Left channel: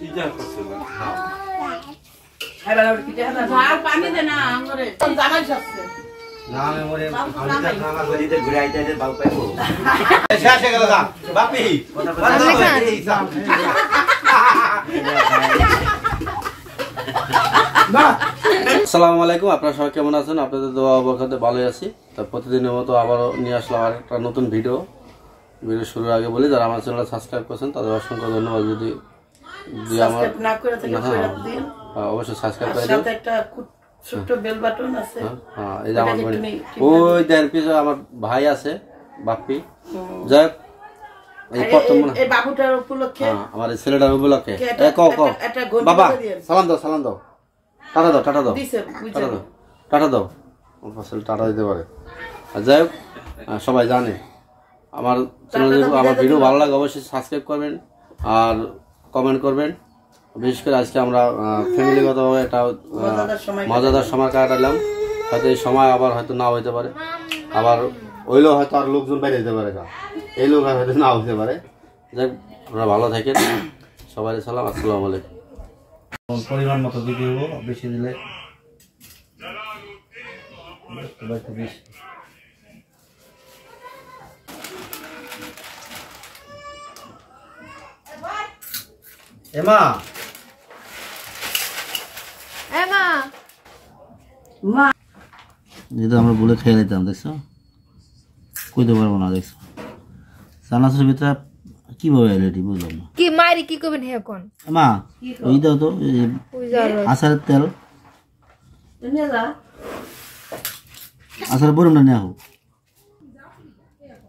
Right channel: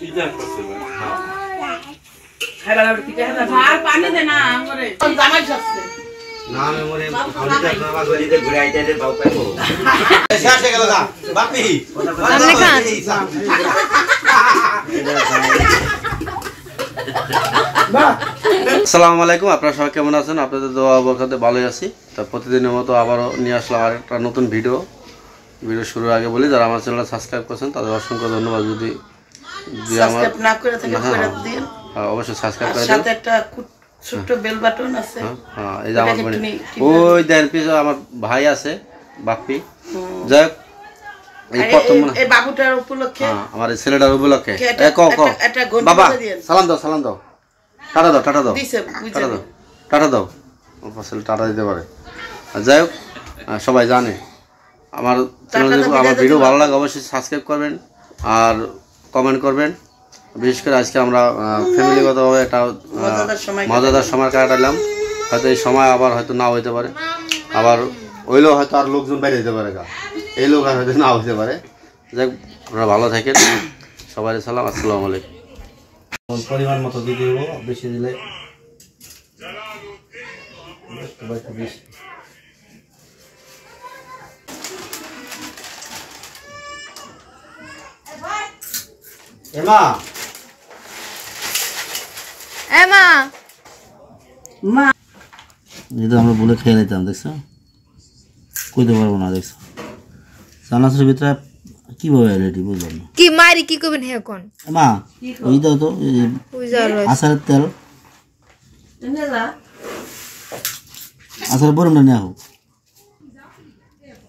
Pizza করছে না হ্যাঁ এবার পিঠা আর পানি দে না আমরে জামাই যাচ্ছে না আমি মরে মামা গলিতে ঘুরে আইতে বাউ পাইবো শেষ হয়ে গেল না বাপি সামনে কান আসসালামু আলাইকুম আপনারা সবাই কেমন আছেন আপনাদের দোয়া বরকতে ভালোই আছি তো প্রতিদিনের মতো আবারও নিয়ে আসলাম আরেকটা নতুন ভিডিও শুরুর আগে বলি যারা আমার চ্যানেল সাবস্ক্রাইব করেছেন তাদের অসংখ্য ধন্যবাদ যদি আমার সাবস্ক্রাইব না করে থাকেন করে দিন অবশ্যই সাবস্ক্রাইব করে দিন সাথে একটা ছোট বেল বাটন আছে হ্যাঁ এই যে আমার ওই দেন পিছে আমার ভাই আছে বাপ্পি যাই হোক এই প্রথম এই বাবুটার উপলক্ষে আমার এই ছেলেটার উপলক্ষে বাবা সালাম দাও টাটা দাও টাটা দাও ছেলে টাটা দিতে পারে আর যাই হোক সবাই জানে আমার চ্যানেলে আমার ভিডিও ভালো লাগে অবশ্যই সাবস্ক্রাইব করবেন আর কমেন্ট করবেন বিশেষ করে আজকে আমরা ফ্যামিলিগতভাবে একটা মজাদার সময় কাটালাম হয়তো এই সময় আবার হয়তো নাও হইতে পারে আবার হইলেও হয়তো আর লোকজন বাইরে যেতে পারে এই লোক আর হয়তো নাও হইতে পারে যাই হোক আপনারা ভালো থাকেন সবাই সালাম আসসালামু আলাইকুম পরিমাণ মতো দিতে হবো বেশি দিলে এমা যেটা আমরা বলে খেয়ে নিতাম দেখছো কইতে পারবো না দেখছো চানাচুরের ভিতরে কিভাবে রেডি বুঝলাম না কি মারি কি করবেন হে কোন মা ওই দাও তো আচারের তেল আচার বরম না নেওয়া হোক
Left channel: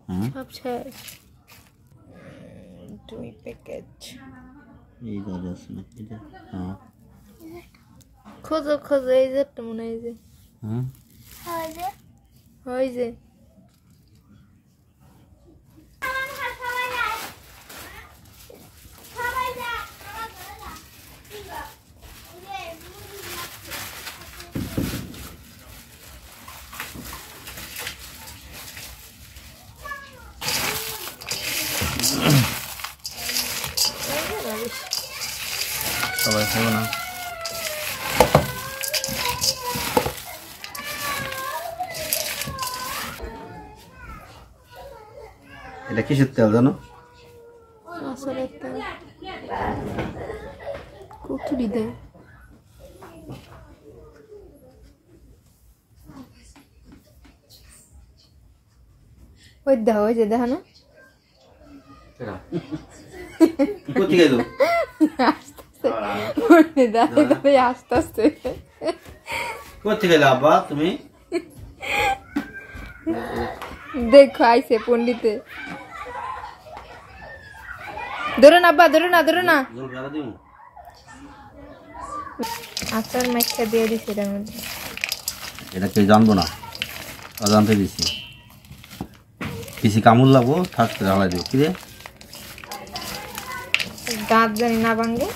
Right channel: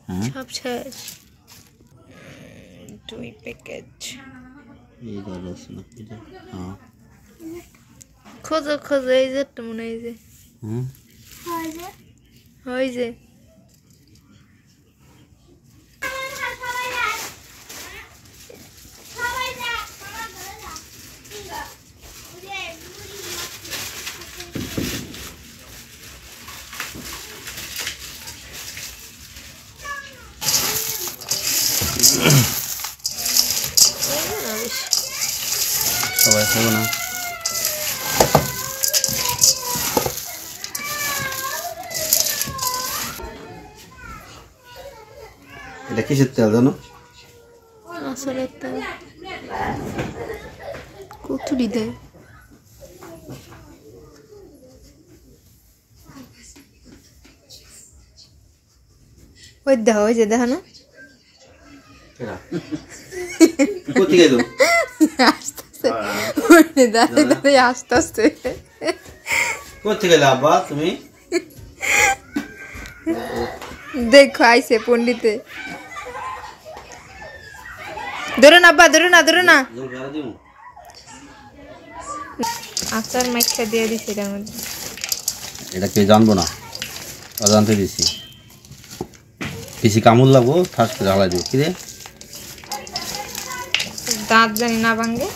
হ্যাঁ সব শেষ 2 প্যাকেট এই দাদা আছে না এটা হ্যাঁ খোঁজো এই যে তো মনে হয় যে হ্যাঁ হয় যে সবাই খাবো না এটা কিসের তেল জানো আসলে তেল কতটি দেয় ওই দেখো ওই যে দেখো না কোথায় গেল দাঁড়িয়ে আসতে কোথায় গেলে আব্বা তুমি দেখো আইসে পন্ডিতে ধরো না আব্বা ধরো না আচার মাইখা দিয়ে দিছি এটার মধ্যে এটা কে জানবো না অজান্তে দিছি কিছু কামড় লাগবো ফার্স্ট ঢালাই দেবো কি রে দাঁত জানি না ভাঙবে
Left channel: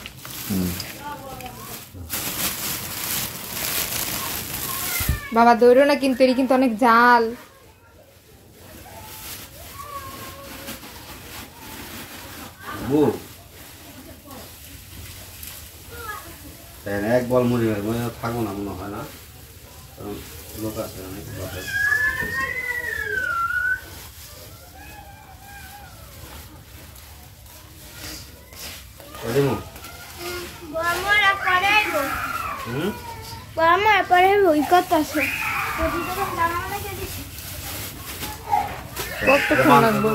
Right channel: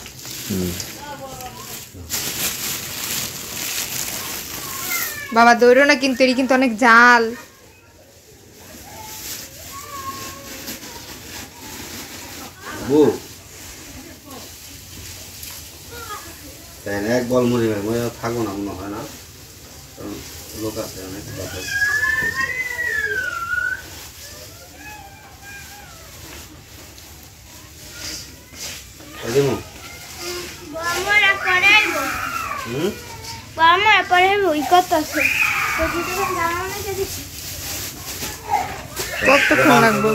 বাবা দৌড়ো না কিন্তু এটি কিন্তু অনেক জাল এক বল মুড়ি থাকবো না মনে হয় না কারণ লোক আছে অনেক বাসায় কতক্ষণ লাগবে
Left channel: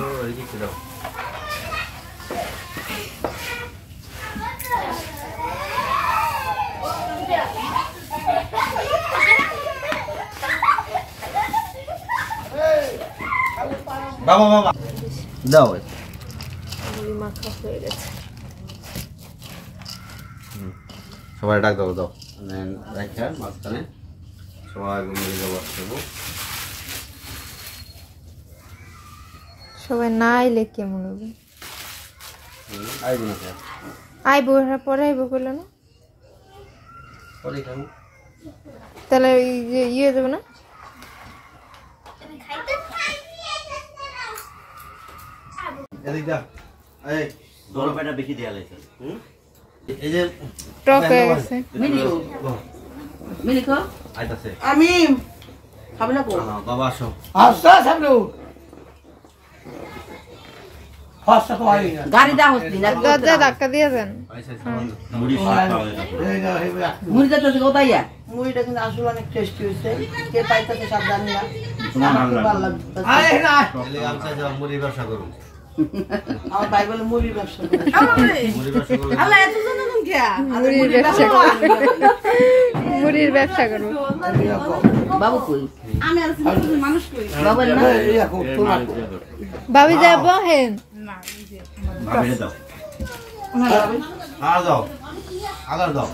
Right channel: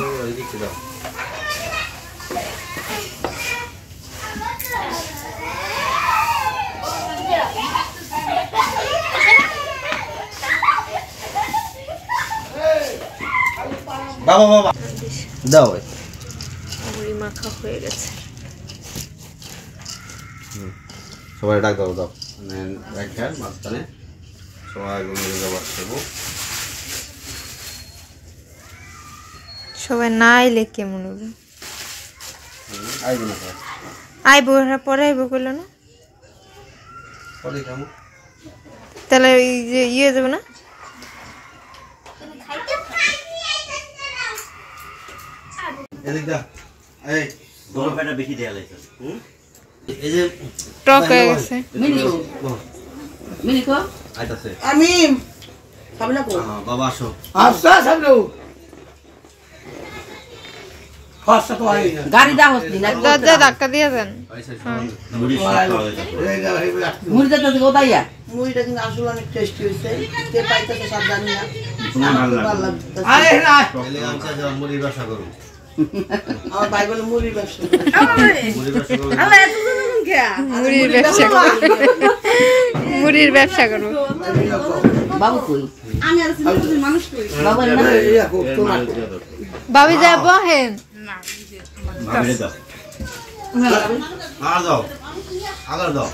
বাবা দাও মুড়ি মাখা হয়ে গেছে সবাই ডাক দাও রেখে মাঝখানে সবাই সবাই না আইলে কেমন হবে আইব না আইবো পরে আইবো কইলো না তাহলে এই যে ইয়ে যাবে না এদিক দা এই দোনো পেটা বেশি দেয়া লাগছে এই যে টক হয়ে গেছে মিলিকো আইতাছে আমি খাবে না কো বাবা আসো আচ্ছা সামনে ফাস্ট পাই না গাড়ি দা হসনি না দরজা ধাক্কা দিয়ে দেন মুড়ি সাথে হবে এই না এই মুড়িটা তো কোথায় মুড়িটা কিন্তু আসলে অনেক টেস্টি হইছে কে পাইতেছে সব জানি না আমার খুব ভালো লাগছে আরে না তাহলে আমি চাই মুড়ি ব্যবসা করব আমার ভাই বলে মুড়ির ব্যবসা মুড়ি ব্যবসা করব আল্লাহ এত জানেন কে মুড়ির ব্যবসা করবো মুড়ির ব্যবসা করবো বাবু কই আমি আর সিম্পল মানুষ কই বাবা না এই আপু ভাবি যাব হেন ভাবিরে দাও দাও আগার দাও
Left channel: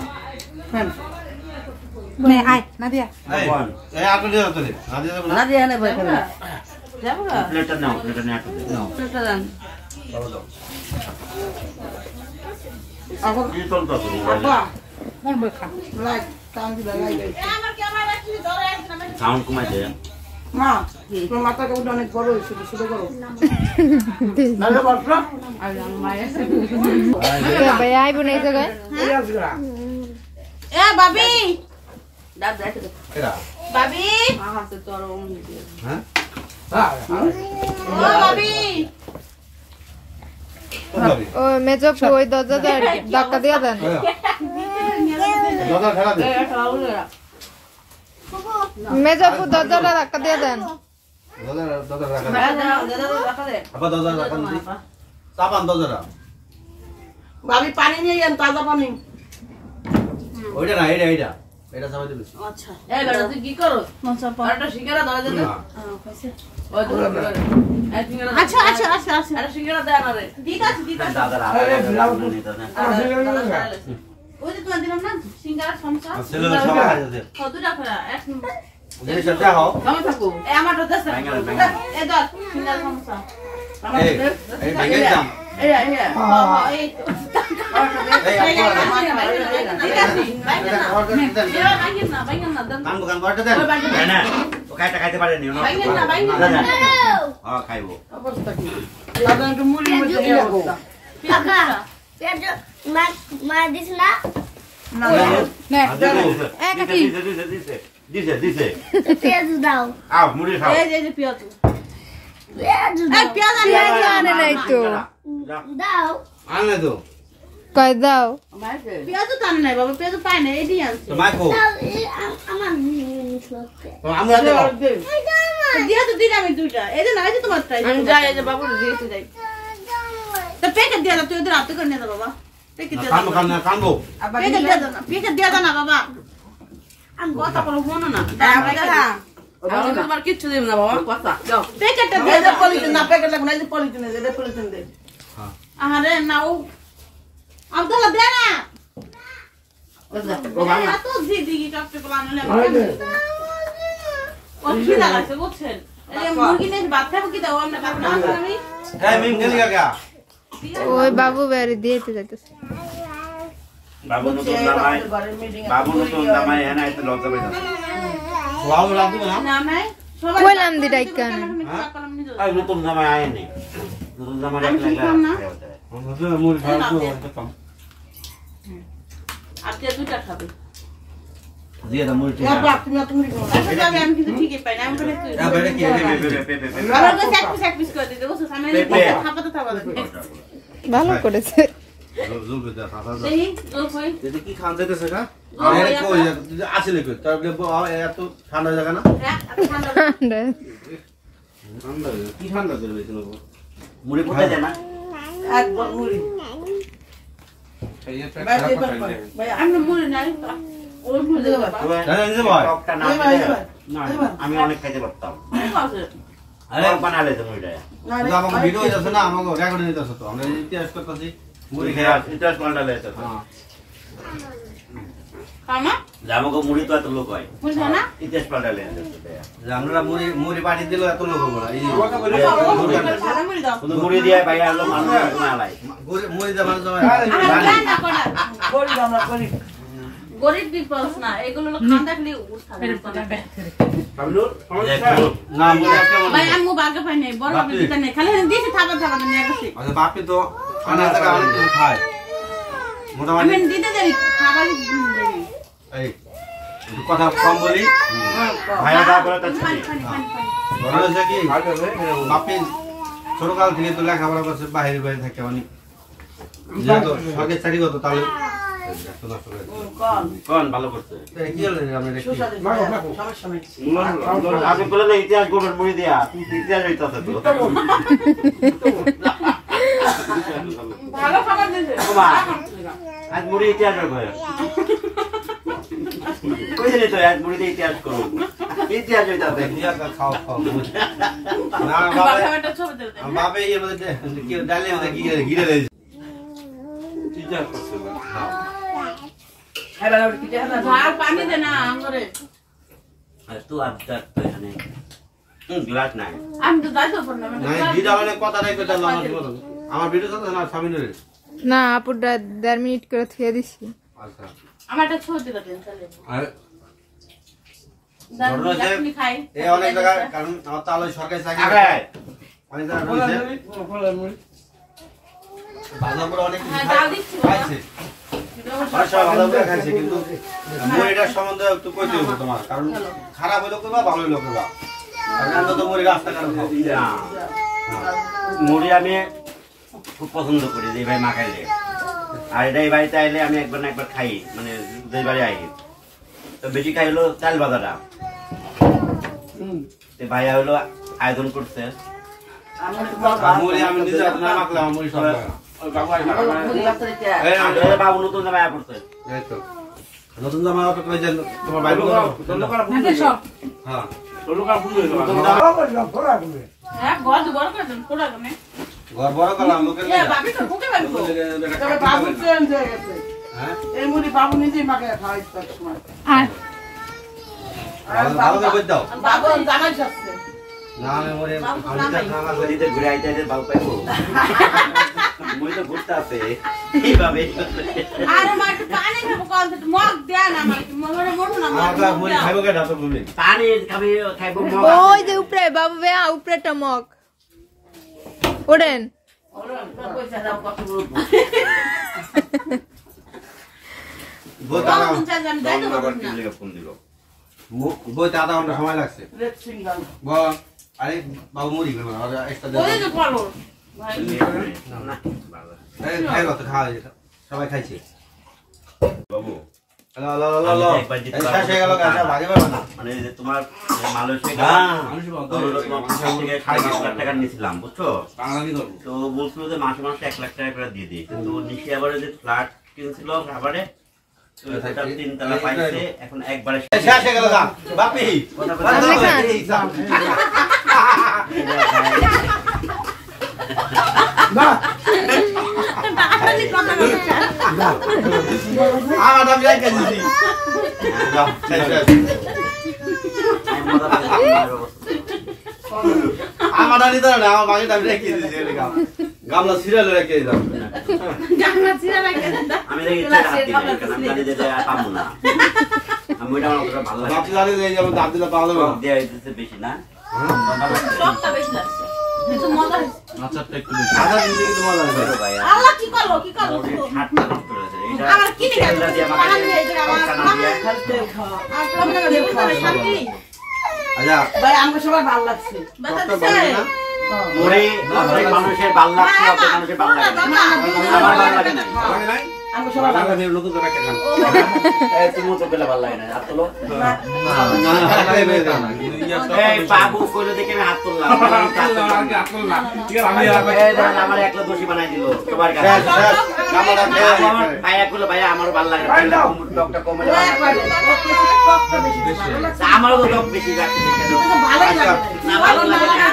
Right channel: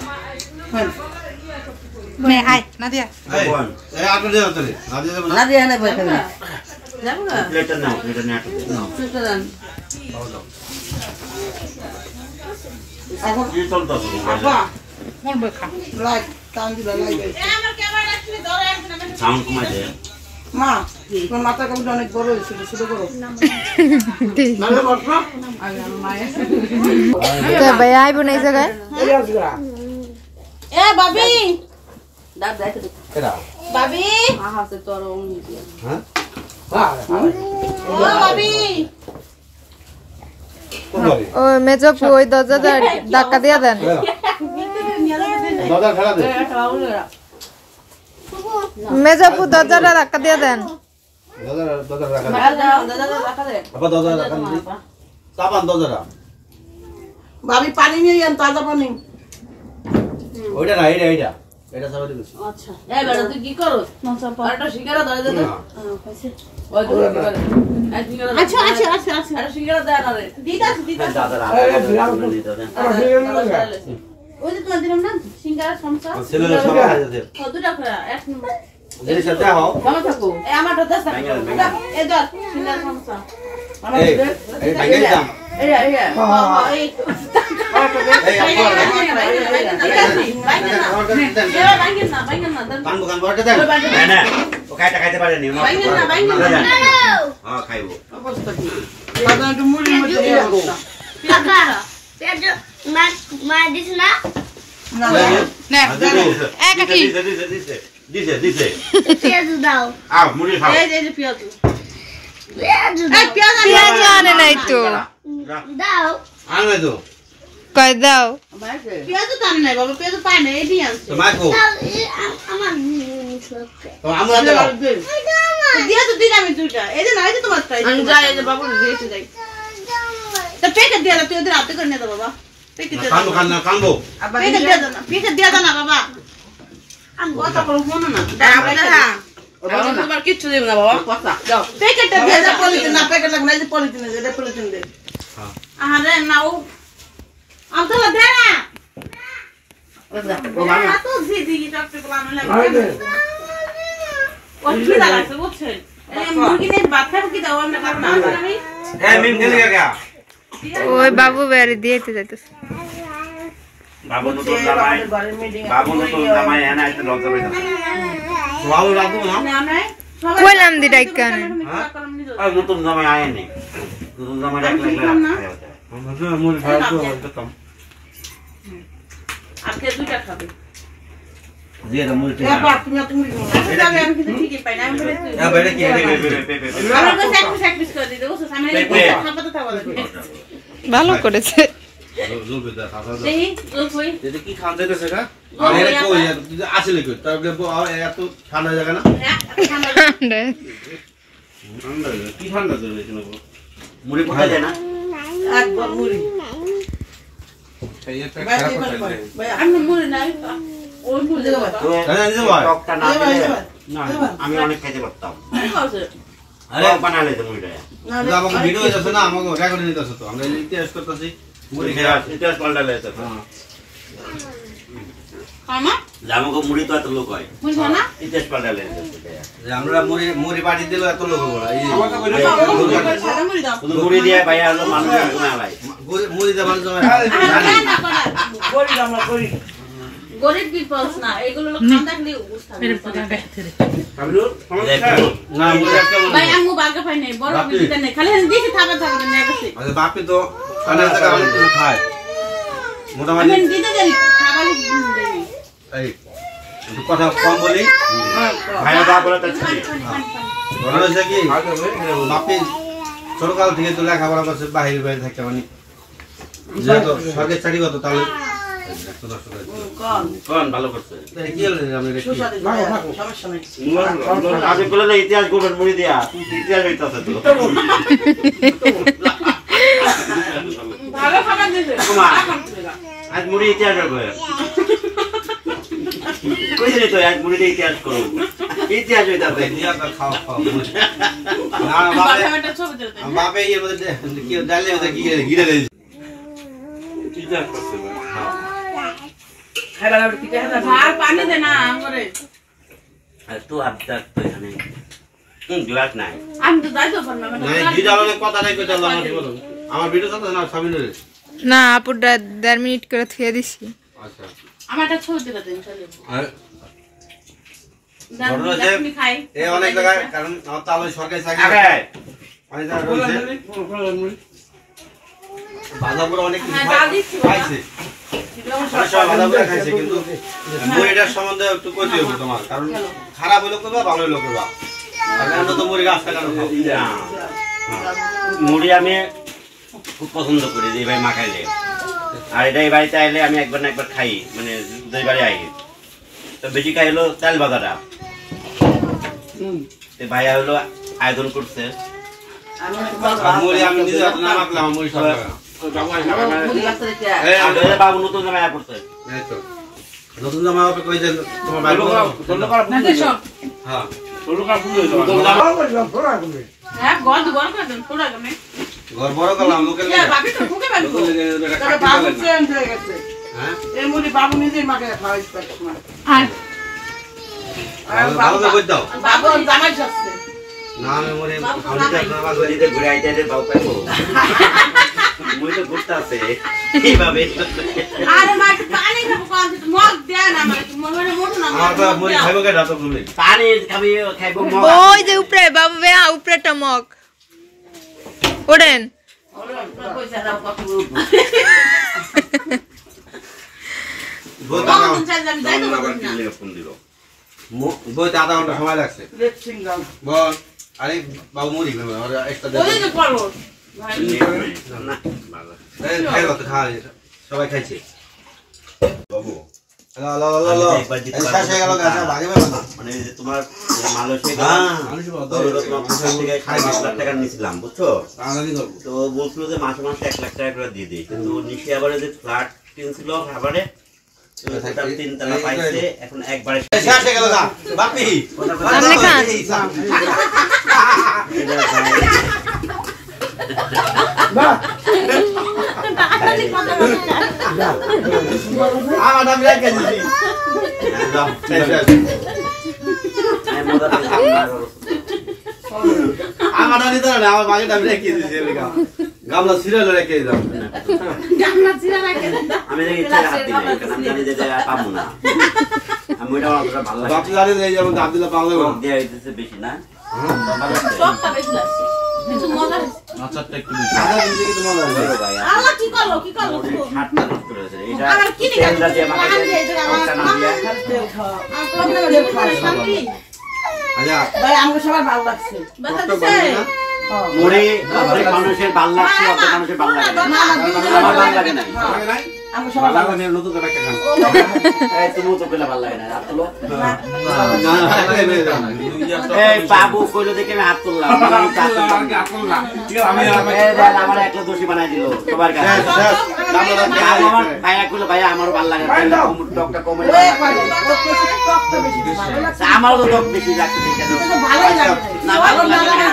নে হাই নাদিয়া এই আগে দাও তোরে নাদিয়া না ভাই খাবে যাবো না প্লেটটা নাও প্লেটটা নাও সেটা জান কি চলতো আপা কোন বখা লাইক টান দিলা লাইক সাউন্ড কমাই দে মা তোর মাথা কামটা অনেক বড় হয়েছিল শুরু করো নালে বসলো আগে আমার মায়ের তো ভাই আইব না এই জায়গায় এ বাবি দাদ যাইতে এরা বাবি হ্যাঁ সে তো আর অমনি দিয়ে হ্যাঁ ও বাবি কোন লাগে ও মেজপু ওই দরজা ধাক্কা দিয়ে দেন দাদা খেলা দে এটা হলো মেজপু দরজাটা ধাক্কা দিয়ে দেন দাদা রাখা দাদা দাদা রাখা দে আপা দাদা রাখা দি তাপান দাদা বাবি পানি নিয়ে যান তাজা পানি ওইটা না এইটা এটা সবাই দিবি আচ্ছা এই বেটা তুই কি করো আরেকটা সিঙ্গারা দাও দে ওই তো এই সিঙ্গারা আচ্ছা আচ্ছা আচ্ছা আচ্ছা আরে সিঙ্গারা দে না রে দিদাস দিদাস দাদা রাখা ওই যে তোমার দিলাম না সিঙ্গারা সমসা ছেলে সবাই খাইতে দে দুটা খরা এক নম্বর দেরি সাথে হও ভালো থাকো এই আমারটা 10 টাকা এই ধর সিঙ্গারা সমসা আমার এই এই ভাঙে দাম এই এই এই কান বুকান বড়টা দেন না না ও খাইতে খাইতে পারে নি হ্যাঁ খাইবো অবস্থা কি বাবা একটু মুড়ি মধ্যে দিয়ে রাখো না না কি দিছে আ মুড়ি খাও এই যে পেঁয়াজ পেঁয়াজ আনে নাই তো আনবে তো কয় দাও পেঁয়াজ তো আনে নাই বাবা পেঁয়াজ পায় না এডি আনছে তো মাখো তো আমরা দেব দিয়া তো দিলাম দুইটা এই যে নাই যে তোমার তাই যাই এই যে বাবু দিয়েছে যাই তো পেকে দিয়া তুই ওদের হাতে করে নে দে বাবা পেকে দিয়া কানবো কানবো পেকে দিয়া দাও না পেকে দিয়া দাও না বাবা আমি কথা বলবো না আমি তোমার কিচ্ছু দেব না বাবা কথা দাও পেকেটটা দিয়ে দাও পলিথিন না পেকেট লাগবে না এই যে পলিথিন দে দে পলিথিন দে আরে না ও আব্দুল্লাহ দে না ও বাবা তো জিদি কি টপে বলা না ও কি লাগছে বুঝছেন এই মুরগি নে ভাত খাবো কি দাও আমরা খাবো না আমি হ্যাঁ মিম কেন গয়া ওই বাবু বেরে দিয়েতে যাইতেছে বাবু নতুন নামাই এনা একটু লজ্জা পাইতা বাবু রাখবো না না না কইলাম দি ডাইকা নে আর নতুন নামাই আয়েনি নতুন নামাই রাখলে মুড়ি খাওয়া কম আজকে দুইটা খাবে দিয়ে দাও মুড়ি না বাপ তুমি আমি কিছু ঠিকই পাই না আমি বলে তুই হ্যাঁ বেটা কি আমার কাছে এক পিস করে দিতে ওসব আমি খাপাতে থাকবো ভালো করেছে দেহি ও কই যদি কি খান দিতেছে কা আরে কই আসলে কই তারপরে এত ঠান্ডা জায়গা না ঠান্ডা কি ঠান্ডা ধরে গেছিল মুড়ি কোথায় দেয় না এক বল মুড়ি ভাই আমি মুড়ি নাই ওই মুড়ি দেবো টকটা না আমি অনেক খাইতে পারতাম আরে বানালে তো মুড়িটা আমাকে ভিডিও যাচ্ছে না আমাকে রেকর্ড নিতে আছে তো আমরা ইতিহাস করতেছি মুড়ি ইতিহাস পাল্টালে তো হ্যাঁ কামা আমাকে মুড়ি তো এত লোক হয় মুড়ি না ইতিহাস পাল্টালে আমরা মুড়ি মুড়ি পাটি দিল এত লোক বড় এই মুড়ি দাও মুড়ি দিয়ে ভাই আলো মানুষ না লাই মুড়ি দিয়ে মানুষ গরিব আমরা গরিব গরিব পিপলস না এগুলো লোক খান দেখলে না ভাই আমি বাগে পাই নাই বড় আমি দিতে নেই খালি দিছি থাবা থাবা নিয়ে গেছি আচ্ছা বাপি তো খানা টাকা অনেক কিছু খায় মোটামুটি আমি দিতে দেই খাবারই দেই এই একটু কথা কম বলি ভাইয়া যা বলে তাই শুনি। বড় হয়েছে কি বাপি ছোটকাল থেকে তো লেখাপড়া করছে বাইরে বাইরে থাকে মানে যেহেতু সরকারি চাকরি করতো তাহলে কোন ভালো করছে কি হলো আমরা এটা কি? সমস্যা নেই আপনি বলে না ইতিহাস করবেন মুড়ি দিয়া ইতিহাস হইতাছে তো ভালো খাবার দিছে কুমার আজ মুড়ি ইতিহাস করবে কইছিস তো আজ মুড়ি দিয়ে ইতিহাস করব ইতিহাস হইতাছে ইতিহাস আর খাওয়া খাওয়া না না বাবা ছবি দিতে বাপে ইয়ে মধ্যে কি ডালে মধ্যে কি গিরে দিয়েছে ইতিহাস করছে আর পানি দে না আমরে আর তো আবদার তো এখানে গ্লাস নাই আমি তো দাইতো পার না নাই দিদা মানে কথা নাই কইতাল আমার ভিডিও চলতে না সাবিনের না আপুটা 1.5 মিনিট করে থুয়ে দিছি আচ্ছা আমার একটা ছবি দিতে দেন চলে আর দাদা আপনি খাই এই অনেক জায়গায় কারণ আমার তো আলো সরকারি চাকরি আবে অনেক জায়গায় রয়েছে বাজাপুর অনেক কিছু হ্যাঁ, ডাল দিচ্ছি, খাইছে অনেক সময় বাজাপুরে খাইছে কিন্তু মুড়িটার সম্বন্ধে একটু কইতে হবে তোমার কারণ খারাপ হইলো কইবা ভালো হইলো কইবা আর আমরা তো মুড়ি রাস্তাঘাটে খাও মুড়ি আমি খুব পছন্দ করি যে ভাই মাখাইলে আর এটা এই বাড়িতে আইলে আমি একবার না একবার খাই মানে দুই বাড়ি আই তো বেশি খাই হলো চাল বাজাটা ভাইয়া হলো আয়োজন করছে আর মুড়ি আমি নিজে না মাখলাম আমার মুড়ি সরকার বাবু নতুন জামাই আয় পড়ছে এই তো নতুন জামা হবে কই যে তোমার বাইরে হ্যাঁ হ্যাঁ গদ বড় করে দেন পুরো গনে ঘর বড় করলাম লোকের না লেগে বাবি তো ফুকে বাবি তো তাহলে বাবু ট্রেন হয়ে গেছে হ্যাঁ এই মুড়ি বাবু নিজেই মাকে খাওয়াইছে তোমার আয় ভালো করে কই দাও বাবু জামাই যাচ্ছে না আমি মরে দিতে ঘুরে আইতে আইতে বাবু পাইবো মই তো ঘুরতে আছে এইভাবে আরে মা পানি খাবো কোন মগ দেন আমার মনে মোটো না আমার মুড়ি খাইবো কে রাত তুমি পানি খাবি খাইবো ওই যে উপরে বাবু ভাইয়া উপরে টমক ওড়েন পয়সা দাও কত বইতে কোন চাই জানি যাইতো আবার পারবো কি না ফোন দিল বইতে আধা ঘন্টা সময় লাগছে রেড সিঙ্গাল বল আরে বাবু মুড়ি খাবে আর একটা দে ওই যে পড়ো না ভালো এই খাইবো তো খাওয়া যায় সবাই খাইছে বাবু লা লা লা লা একবার দিতে এই পারবো শেষ হয়ে গেল গাছ লাগে পাবে না মানে যে তোমার মালয়েশিয়া হ্যাঁ মানুষ বলতো খাই 5 লাখ টাকা নিছিলাম বুঝছো বাঙালি করব তো বলছিল যে মাসে মাসে 1 লাখ টাকা করে দিয়ে দিই কিন্তু নিশি আবারে যে ফ্ল্যাট কিনছিল খাবারে ওটা 3 তলা পাইছে এখন একবারে শেষ হয়ে গেল গা বাপি সামনে খান। না আমার দাম রেখে দিছি যাও শেষ আমি মজা পাইছি আমার দাম দিতে না আমার মাকে দাম রেখে দিছি গামলা সিরিয়াল রেখে দাও জানা চিরা লাগে আমি দেখি ইচ্ছা হাত দিই কারণ আমি জানি যে পাবো না আমি ওটা আমার অতটা ভালো লাগে বাপি জানি এই যেমন দাম দিলে পাওয়া যাবে দেয়া হইতেছে বেশি না সব খাবে লাগছে কিন্তু মজা আচারটা একটু বেশি আচার দিলে কি তোমার লাগে বড় ভাই আল্লাহ কি করলো কি করলো হাতটা নষ্ট করে দিয়েছে এটা আবার কি নিয়ে তেলটা দিয়ে আমাকে কানা দিয়ে তেল খাওয়া আর প্রবলেম আছে শান্তি আচ্ছা ভাই আমাকে সবার ভালো লাগছে বাতা কত দিছে বাজে না মুড়ি অনেক মানুষের ভাল লাগছে অনেক মানুষের ভাল লাগে না আমার ভালো লাগে না লাগে নাই আমাকে সবার ভালো লাগবে নতুন করে একটা খান এই তুমি তো পেলে ভালো লাগে না হাত তোলো না না লাগে না এই বাবু কইলো দেখে আমি হাত তুললাম এই দেখ আমার একলা দোষী বানাই দিল সবার কাছে আমার ভাইয়া কইলো ভাইয়া আমারও ভালো লাগে না টকটা কমে আমারও তো টক বেশি লাগছে ভালোই লাগে না ভালো লাগে না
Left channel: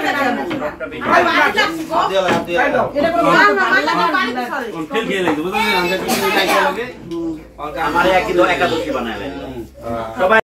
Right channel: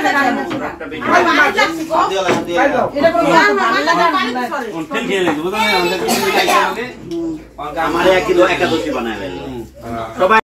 টকটা বেশি ভালো লাগছে এটা কোনো ভালো লাগে পানি করে আমার এক কিলো একাদশী বানায় সবাই